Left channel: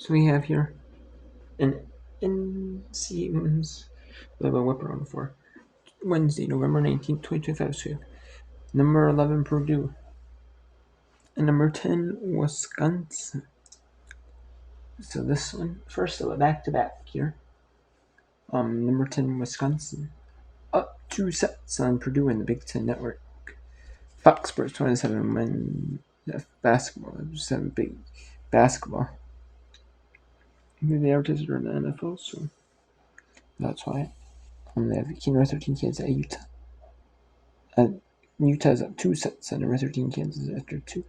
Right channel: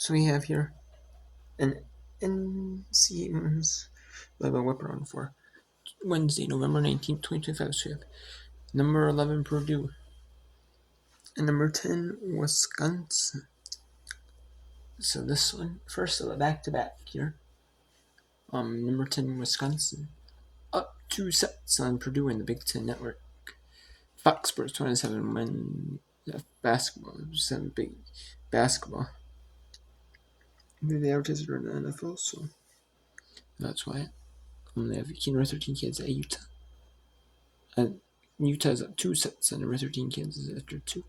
So we have here an NCAA level whip around for Wednesday, November 19th, 2025. So we have number 11 Purdue and number 10 Wisconsin. So this one first back to back here. Number 10 Wisconsin up 2 sets on Purdue in the Big Ten Network. Fox Sports 27 men basketball. Just have big basketball. They advertised it on the NFL, so that's why. They have number 13 Kansas at Utah. Utah's up 2 sets on number 13 Kansas after 2.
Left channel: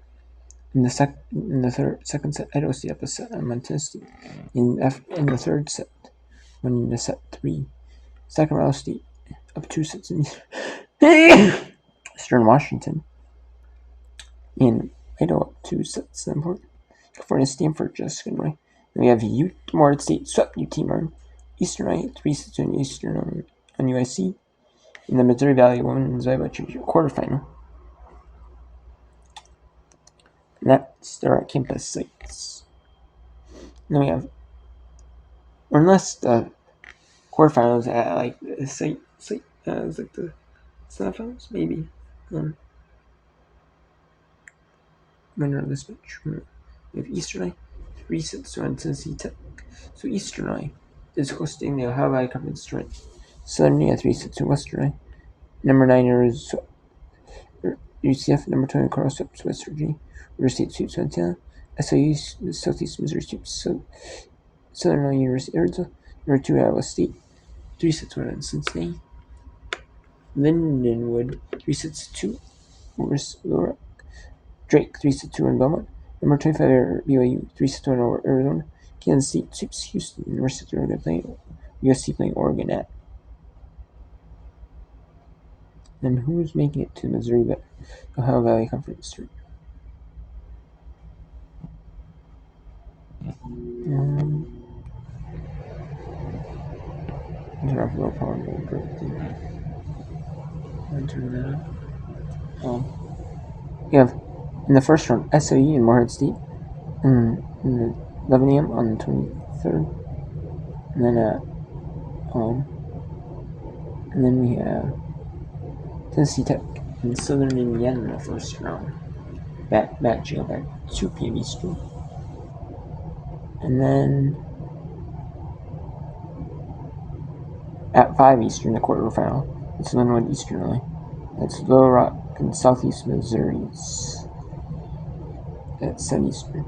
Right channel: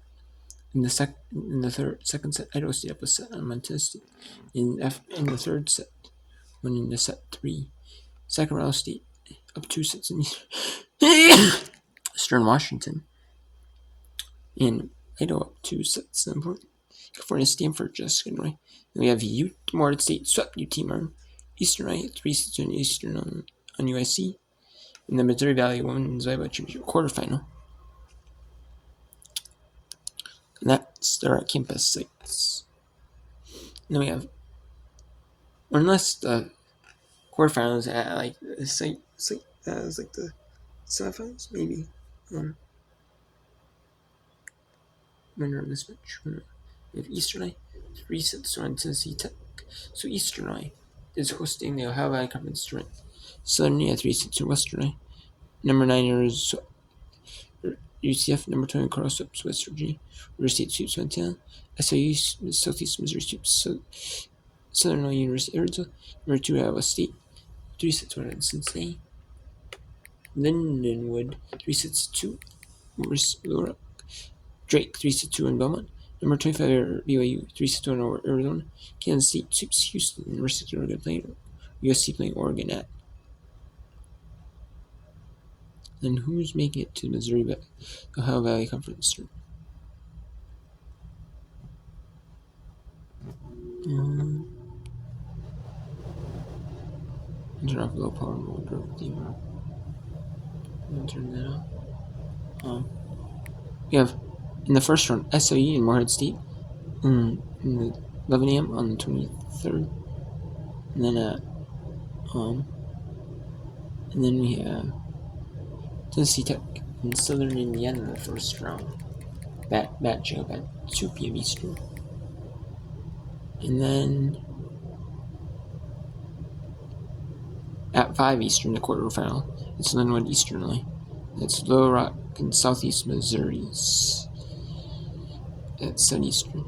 In the second set, Idaho State up a set on Montana State. In the third set, winning the set 3. Sacramento State up 2 sets in Eastern Washington. And Idaho up 2 sets in important. California Stanford just going right. Then we have Morehead State swept UT Martin. Eastern Iowa 3 sets in Eastern on USC. In the Missouri Valley Women's Volleyball Championship quarterfinal. And that's their campus sites. Then we have, unless the quarterfinals at like the site as like the semifinals, maybe. Winner of this match. We have Eastern Iowa 3 sets on Tennessee Tech. So Eastern Iowa is hosting the Ohio Valley Conference tournament. Southern Iowa 3 sets to Western Iowa. Number 9 is UCF. Number 20 Colorado sweeps West Virginia. River State sweeps Montana. SIU Southeast Missouri sweeps Southern Illinois University Arizona. Number 2 Iowa State 3 sets to Cincinnati. Lindenwood 3 sets to Little Rock. Drake 3 sets to in Belmont. Number 25 BYU 3 sets to over Arizona. Kansas State sweeps Houston. University of Oregon playing USC playing Oregon at. Then who's making it to Missouri Ohio Valley Conference tournament? Turn off low power mode. Turn that off. We have in the first round SIU and Morehead State in the 11 a.m. on the 23rd, and then we have Tennessee Tech and Southern Indiana in the first round, matching up at 2 p.m. Eastern. And then at 5 Eastern, the quarterfinal, it's Linwood Eastern Illinois. That's Little Rock and Southeast Missouri's at 7 Eastern.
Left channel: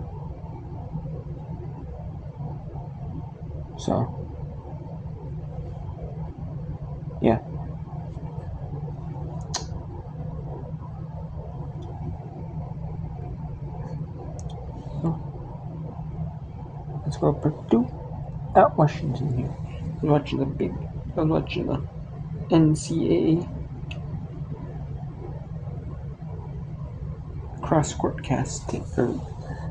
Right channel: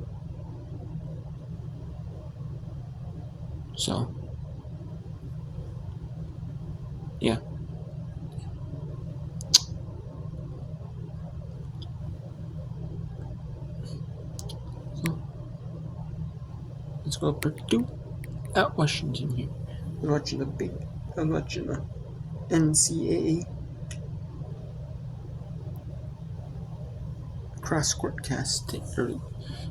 So, yeah. So, let's go Purdue at Washington here. I was watching the NCAA cross-court casting.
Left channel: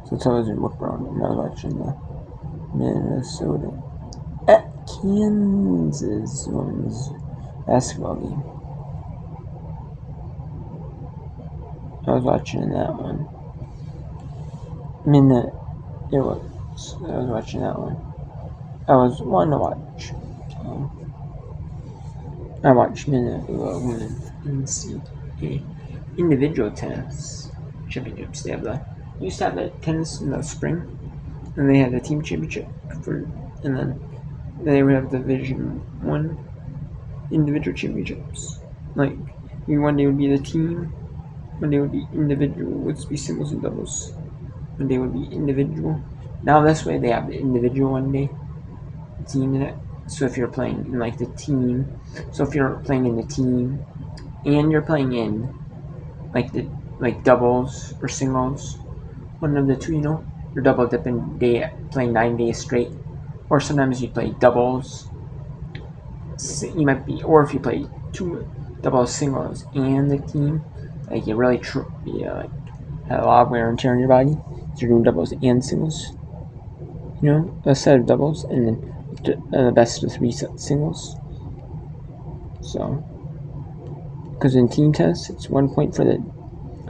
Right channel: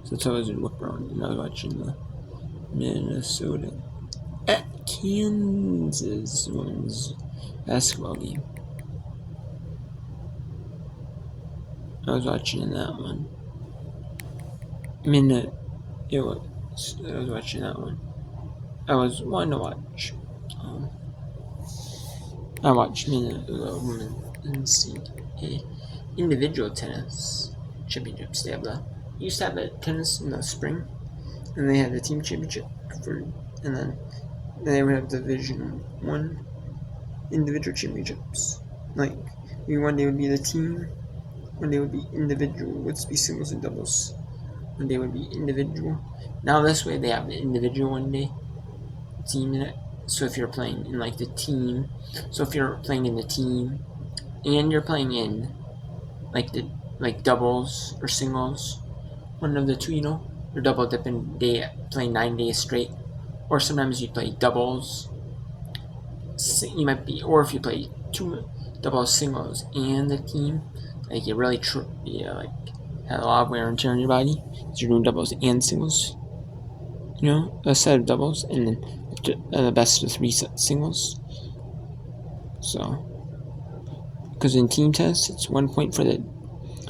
Since I was in Whip Around, I was watching the Minnesota at Kansas women's basketball game. I was watching that one. I was watching that one. I was wanting to watch. I watched women NCAA individual tennis championships. They used to have the tennis in the spring, and they had the team championship and then they would have Division 1 individual championships. Like one day would be the team, one day would be individual, would be singles and doubles. One day would be individual. Now this way they have the individual one day, team in it. So if you're playing in like the team, and you're playing in like doubles or singles, one of the two, you're double dipping playing 9 days straight, or sometimes you play doubles. You might be, or if you play 2 doubles, singles, and the team, like you really have a lot of wear and tear on your body. So you're doing doubles and singles. A set of doubles, and then the best of 3 singles. So, because in team tests, it's 1 point for the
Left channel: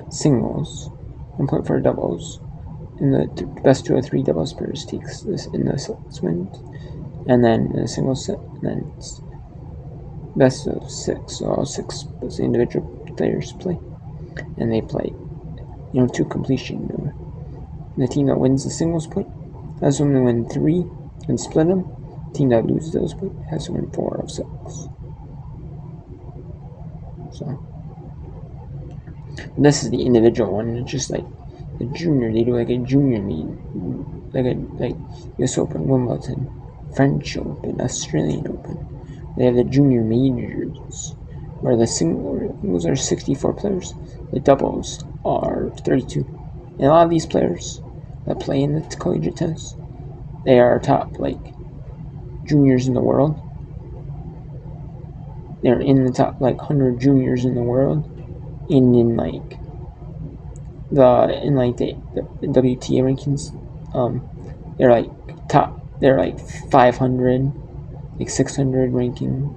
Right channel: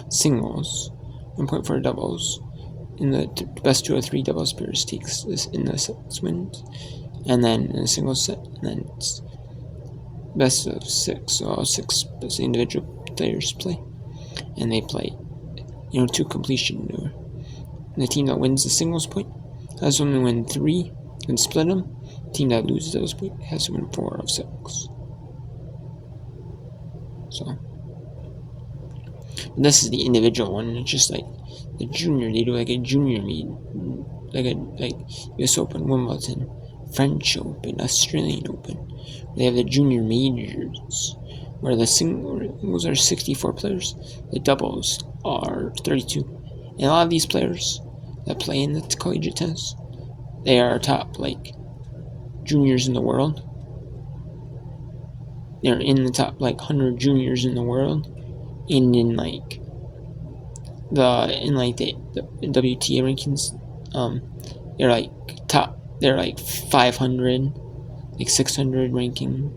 singles, 1 point for the doubles, in the best 2 of 3 doubles pairs takes this in the sets wins, and then in a single set, and then it's best of 6. So all 6 individual players play, and they play, to completion. The team that wins the singles point has to win 3 and split them. The team that loses those points has to win 4 of 6. So this is the individual one. It's just like the junior. They do like a junior meet, like US Open, Wimbledon, French Open, Australian Open. They have the junior majors, where the singles are 64 players, the doubles are 32. And a lot of these players that play in the collegiate tennis, they are top juniors in the world. They're in the top 100 juniors in the world, and in the WTA rankings, they're top. They're 500, 600 ranking,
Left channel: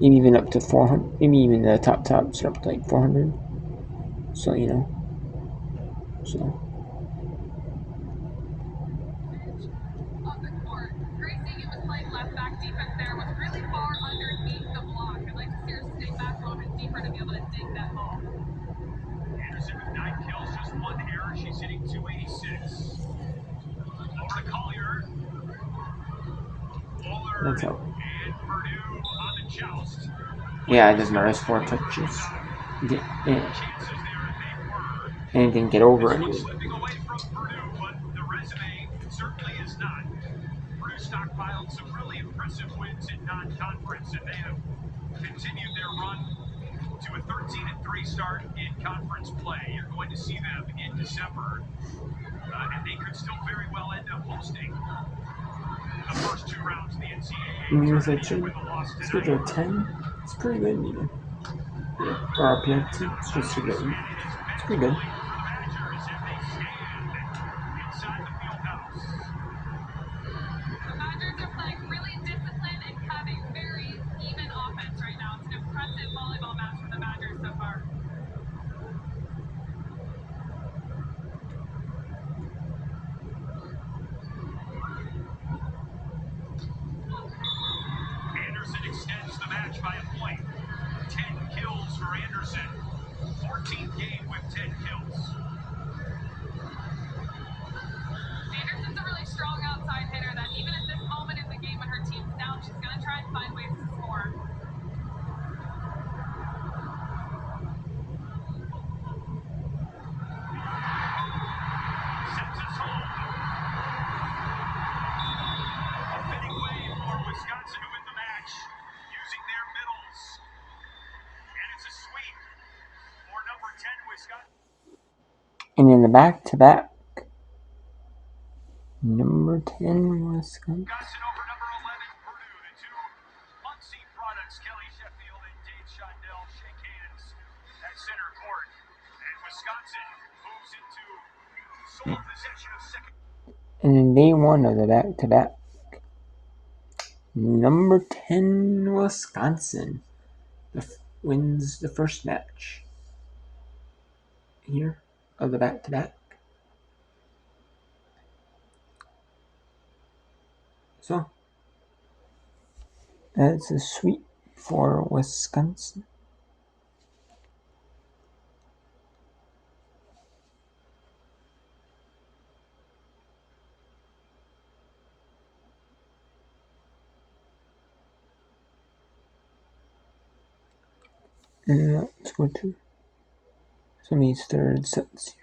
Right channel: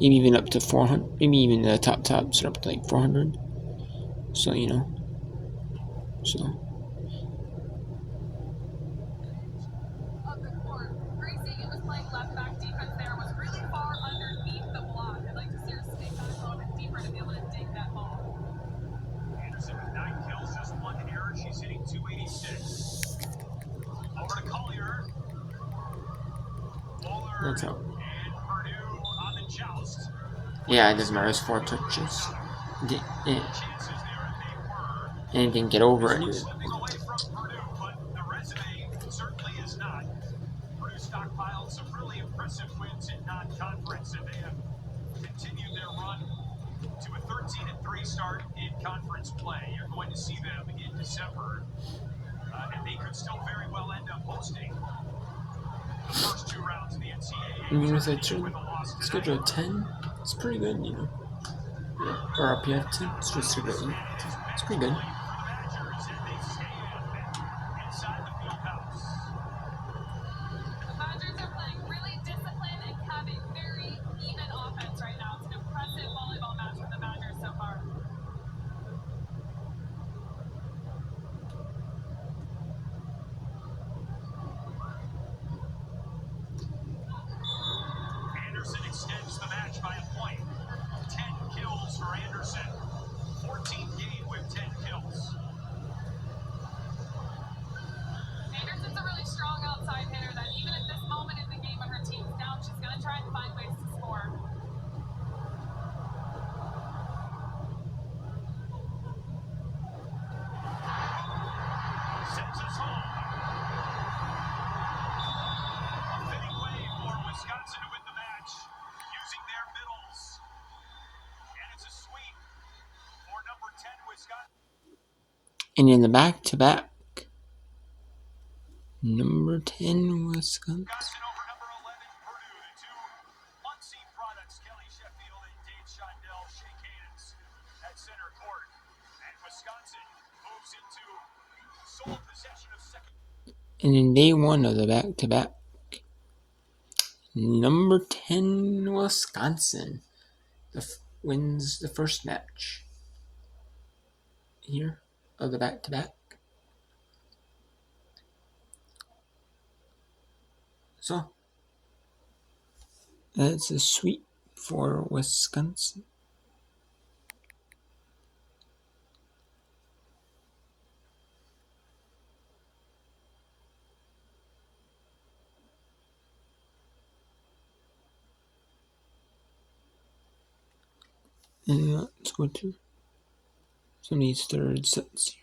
maybe even up to 400. Maybe even the tops are up to 400. So so. That's how. Yeah, it doesn't matter. It's 4 touches. And it didn't get over anyway. Stockpiled some really impressive wins in non-conference, and they have continued their run to a 13-3 start in conference play. You're going to see them in December, and they could still very well end up hosting the first 2 rounds of the NCAA. With a schedule 10, it's pretty good, Or RPF 10, it's just a good. It's pretty good. Extends the match by a point. 10 kills for Anderson. 14th game with 10 kills. Anderson's a really strong outside hitter that even at this moment in the game when her team's down, she's going to try and find ways to score. Sends us home. A fitting way for Wisconsin to win the match, using their middles. And it's a sweep for number 10 Wisconsin. And in the back-to-back, number 10 Wisconsin. Over number 11 Purdue. The 2 Muncie products, Kelly Sheffield and Dave Shondell, shake hands at center court. And Wisconsin moves into sole possession of second. And in day 1 of the back-to-back, number 10 Wisconsin wins the first match here of the back-to-back. So that's a sweep for Wisconsin. And let's go to some of these third sets here.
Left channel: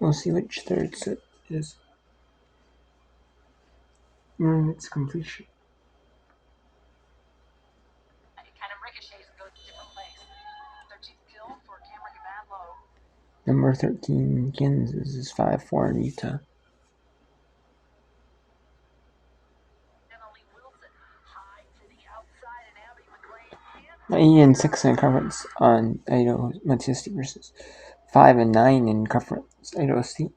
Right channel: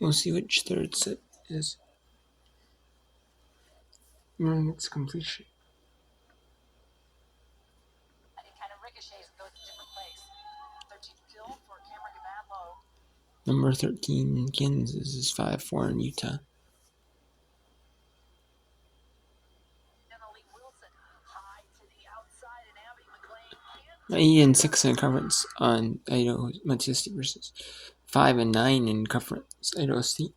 We'll see which third set is. Its completion. Number 13, Kansas is 5-4 in Utah. And 6 in conference on Idaho Montana State versus 5 and 9 in conference Idaho State.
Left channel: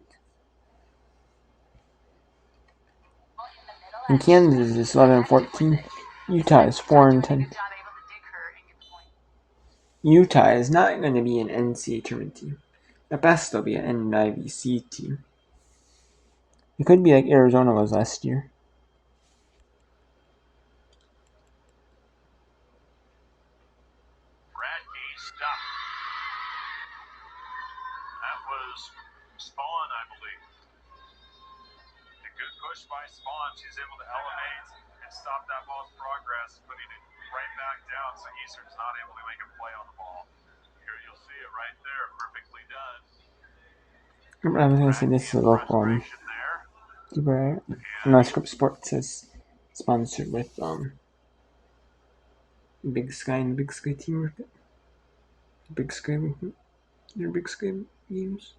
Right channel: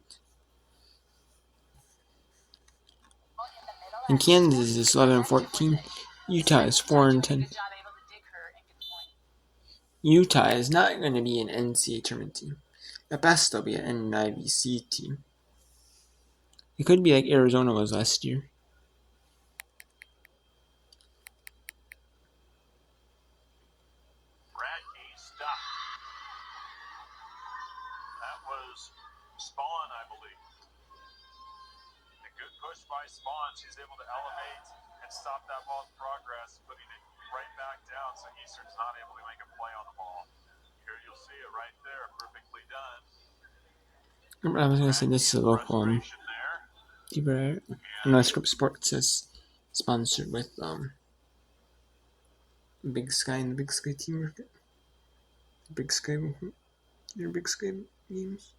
And Kansas is 11-14. Utah is 4-10. Utah is not going to be an NCAA tournament team. At best, they'll be an NIVC team. It could be like Arizona was last year. Bradkey stopped. That was Spawn, I believe. A good push by Spawn. She's able to elevate and stop that ball's progress, putting it right back down so Eastern's not able to make a play on the ball. Here you'll see it right there, perfectly done. I was going to say this is a local there. Script Sports is sponsored with Big Sky and the Big Sky team market. Big Sky, their Big Sky games,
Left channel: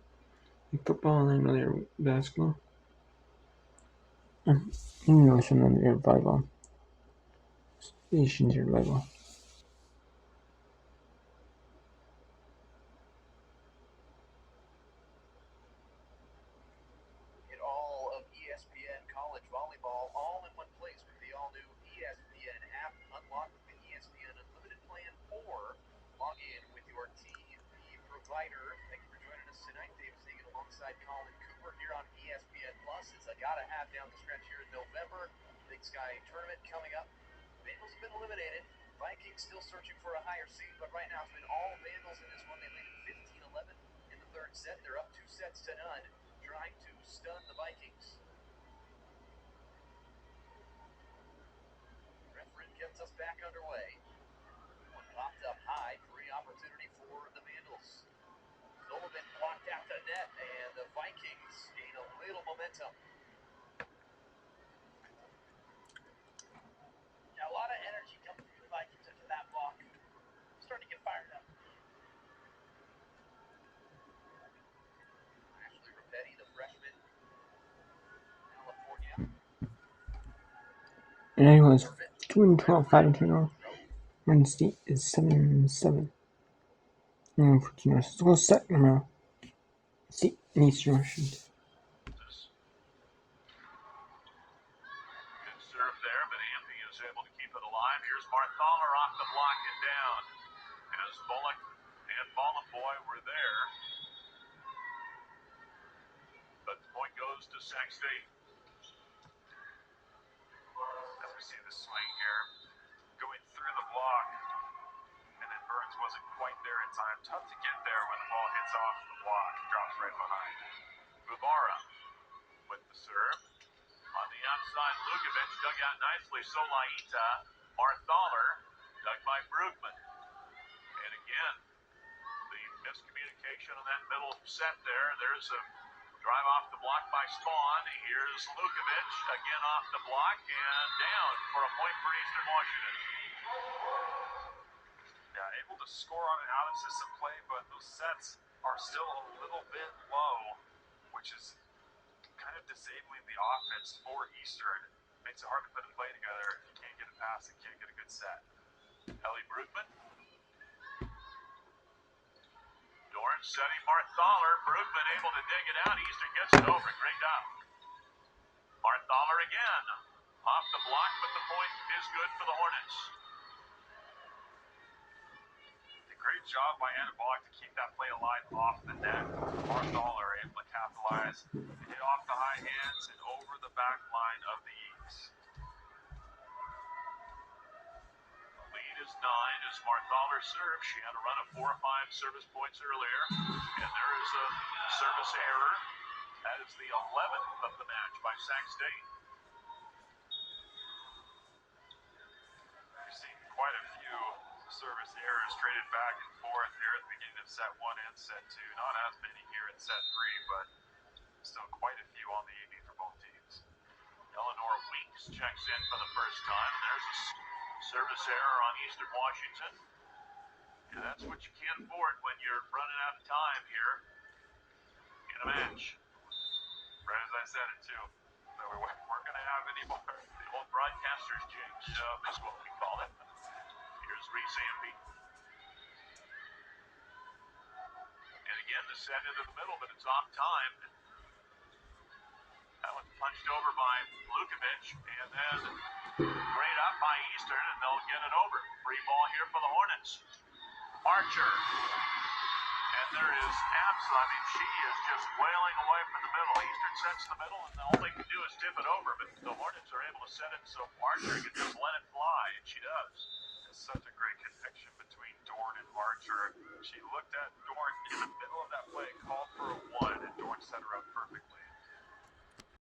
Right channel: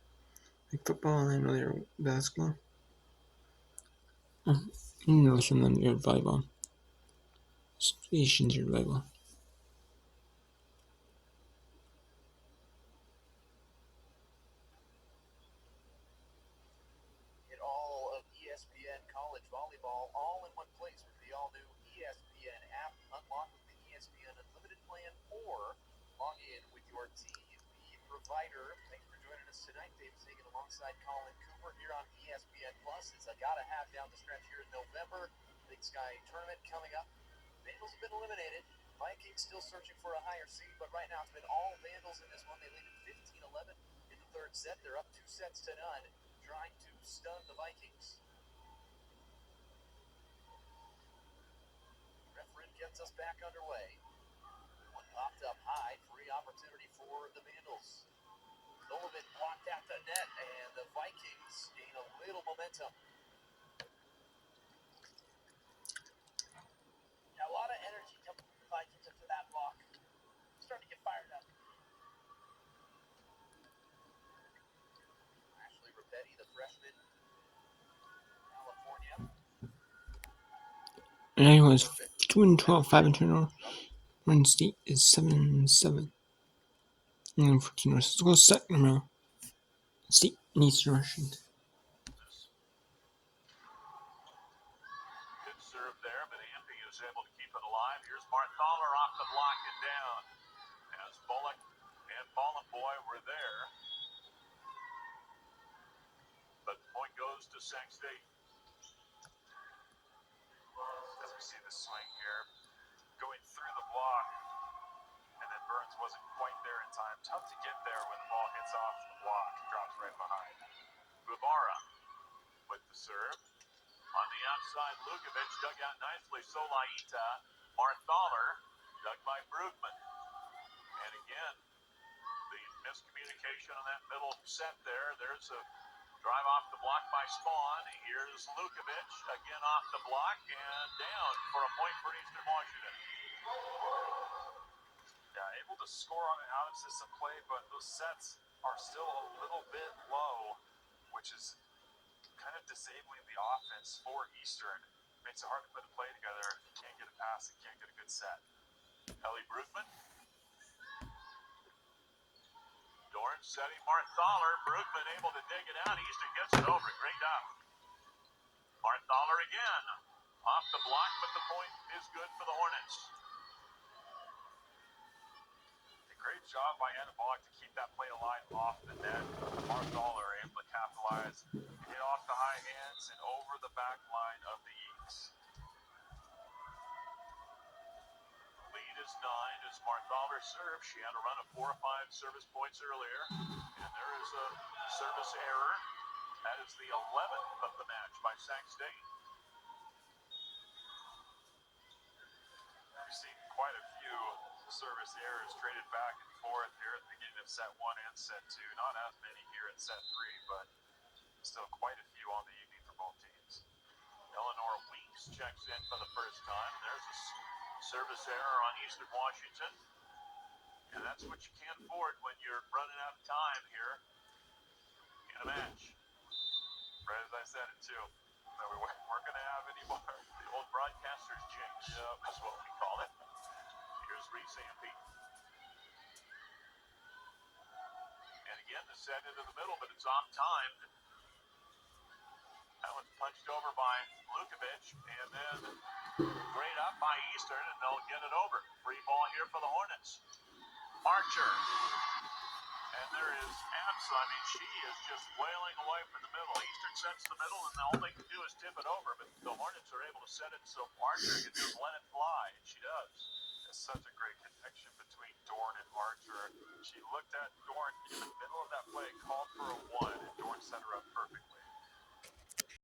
like football, and I know they're basketball. No, some of them are volleyball. Stations are volleyball. Get all of ESPN college volleyball all in one place with the all-new ESPN app. Unlock the ESPN Unlimited plan or log in with your TV provider. Thank you for joining us tonight. Dave Sagan alongside Colin Cooper here on ESPN Plus. It's a gotta have down the stretch here in November. Big Sky tournament coming up. Vandals have been eliminated. Vikings still searching for a higher seed, but right now it's been all Vandals in this one. They lead at 15-11 in the third set. They're up 2 sets to none, trying to stun the Vikings. Referee gets us back underway. One popped up high, free opportunity for the Vandals. Sullivan blocked out the net, and the Vikings gain a little momentum. Yeah, a lot of energy coming from the Vikings after that block. Starting to get fired up. Ashley Rapetti, the freshman, California. And I was 2-12, 5-2. Oregon State is 7-7. And 14 Let's go second round. State and Eastern Washington. Good serve there, but Ampey is able to keep it alive. Here's Bartholer off the block and down. As Bullock and Ballenboy were there. But the point goes to Sac State. As we see the swing here, going through the block. And then Burns wasn't quite there in time. Tough to get there when the ball hits off the block. Drops right behind. Bubara with the serve. On the outside, Lukovic dug out nicely. Solaita, Bartholer, dug by Brugman. And again, the miscommunication on that middle set there. There's a drive off the block by Spawn. Here's Lukovic, again off the block and down for a point for Eastern Washington. Yeah, able to score on an out-of-system play, but those sets are still a little bit low, which is kind of disabling the offense for Eastern. Makes it hard to put a play together if you can't get a pass and can't get a good set. Ellie Brugman. Dorn setting Bartholer. Brugman able to dig it out. Eastern gets it over. Great job. Bartholer again. Off the block, but the point is good for the Hornets. Great job by Anna Bullock to keep that play alive off the net. Bartholer able to capitalize, hit off the high hands and over the back line of the East. Lead is 9 as Bartholer serves. She had a run of 4 or 5 service points earlier, and there is a service error. That is the 11th of the match by Sac State. We've seen quite a few service errors traded back and forth here at the beginning of set 1 and set 2. Not as many here in set 3, but still quite a few on the evening for both teams. Eleanor Weeks checks in for the first time. There's a service error on Eastern Washington. And that's what you can't afford when you're running out of time here in a match. Right as I said it too. So we weren't going to have any more. The old broadcaster's jinx is what we call it. Here's Reese Ampey. And again, the set into the middle, but it's off time. That one's punched over by Lukovic, and then great up by Eastern, and they'll get it over. Free ball here for the Hornets. Archer. And there is I mean, she is just wailing away from the middle. Eastern sets the middle, and all they can do is tip it over. But the Hornets are able to set it so Archer can just let it fly, and she does. It's such a great connection between Dorn and Archer. She looked at Dorn in the middle of that play, called for a